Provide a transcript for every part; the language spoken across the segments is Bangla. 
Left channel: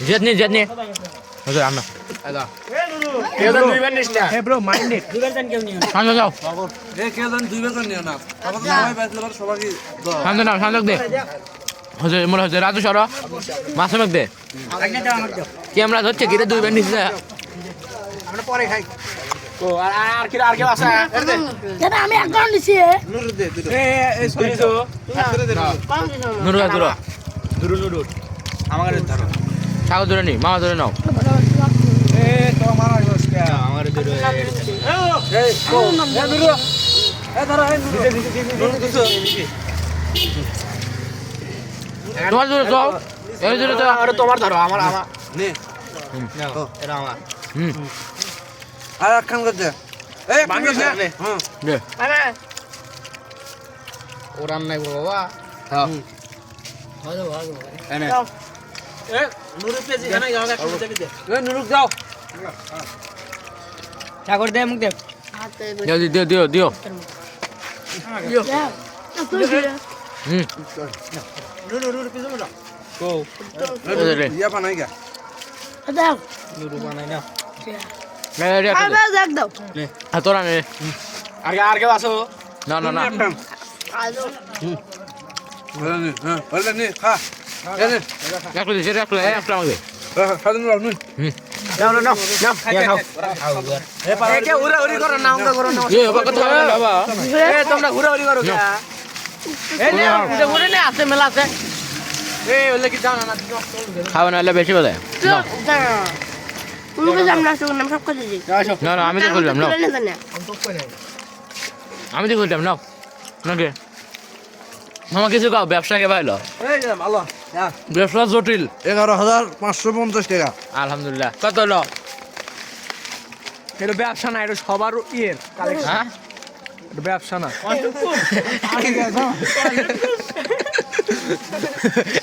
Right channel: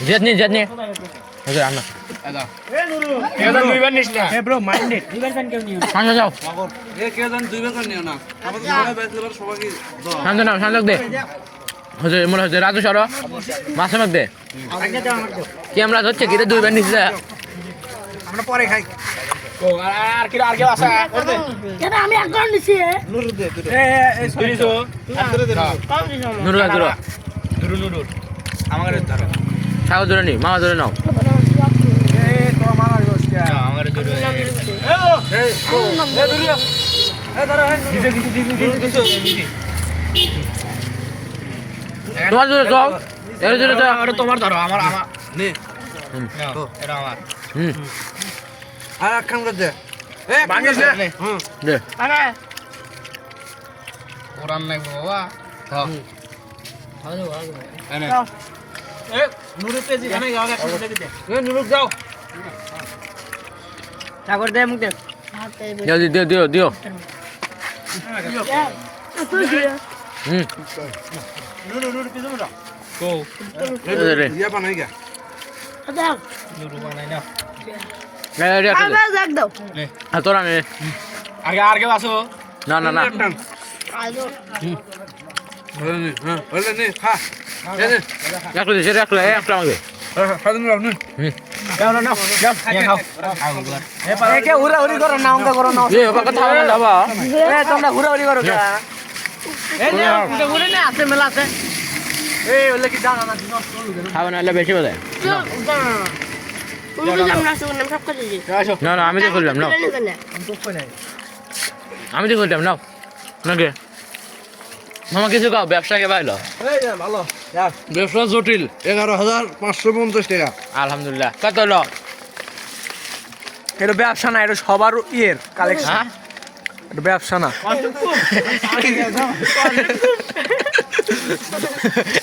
Jetni. Oke, aman. কেজন দুইবার নিস না ব্রো মাইন্ডেড দুইবার পেন কেউ নিও শান্ত যাও কেজন দুইবার করে নিও না আমার সবাই ব্যাচেলর সবাইকে দাও শান্ত নাও শান্ত দে হজে মনে হচ্ছে রাজু সর মাছ নক দে আগে দাও আমাকে ক্যামেরা ধরছে কি রে দুইবার নিছে আমরা পরে খাই ও আর কি আছে এটা আমি অ্যাকাউন্ট দিছি নুর দে দুটো এই সরি তো কোন দিছো নুরু রাজু নুরুর আমার ধরো ছাগল ধরে নি মামা ধরে নাও এই তো আমার দোস্তা আমার ধরে এই ও দে দুটো এই ধরো তোমার ধরে যাও এর ধরে যাও আর তোমার ধরো আমার নে নাও এটা আমার হুম আর একখান করে দে এই বানিস না হুম দে আরে ওরান নাই বাবা হ্যাঁ এনে এ নুরু পেজি খানা গাওয়া খাতে দে এই নুরুক যাও সাগর দে মুখ দে দিও তুই কি হুম নুরুর পিছনে যাও কো রে ইয়া বানাই গা দাও নুরু বানাই না আরে দেখ দাও আর তোরা নে আর কেউ আসো না আইলো বলে নে হ্যাঁ বলে নে খা এই নে একটু দে সেটা একটু আমাকে খাদুন রাও নে যাও না যাও খাও এ কে হুরাহুরি করো না অঙ্ক করো না এ বাবা কথা বলে বাবা এ তোমরা হুরাহুরি করো কে এ নে উঠে উঠে নে আছে মেলা আছে এ ওলে কি দাও না খাওয়া না বেশি বলে উনকে জানা শুনে সব করে দিছি না আমি তো করলাম নাও আমি তো করলাম নাও নাকি মামা কিছু খাও ব্যবসাকে পাইলো এই ভালো যা ব্যবসা জটিল 11550 টাকা আলহামদুলিল্লাহ কত হলো এটা ব্যবসা না এটা সবার ইয়ের কালেকশন হ্যাঁ এটা ব্যবসা না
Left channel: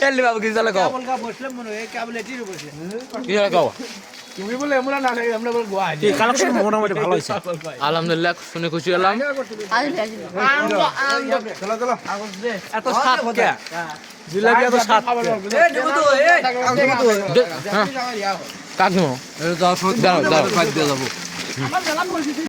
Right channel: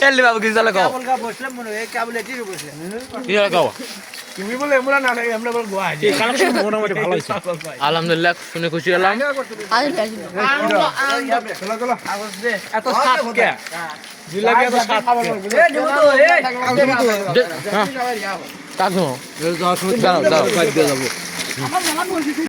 এলি বাবু কিছু তাহলে খাও বলকা বসলাম মনে হয় কেবল এটির বসে কি তাহলে খাও তুমি বলে আমরা না আমরা বল গোয়া আছে কালেকশন মোটামুটি ভালো হইছে আলহামদুলিল্লাহ শুনে খুশি হলাম চলো চলো এত সাত কে জিলাপি এত সাত কে এ দেবো তো এই কাকু এই যাও দাও দাও দিয়ে যাবো আমার জানা বলছি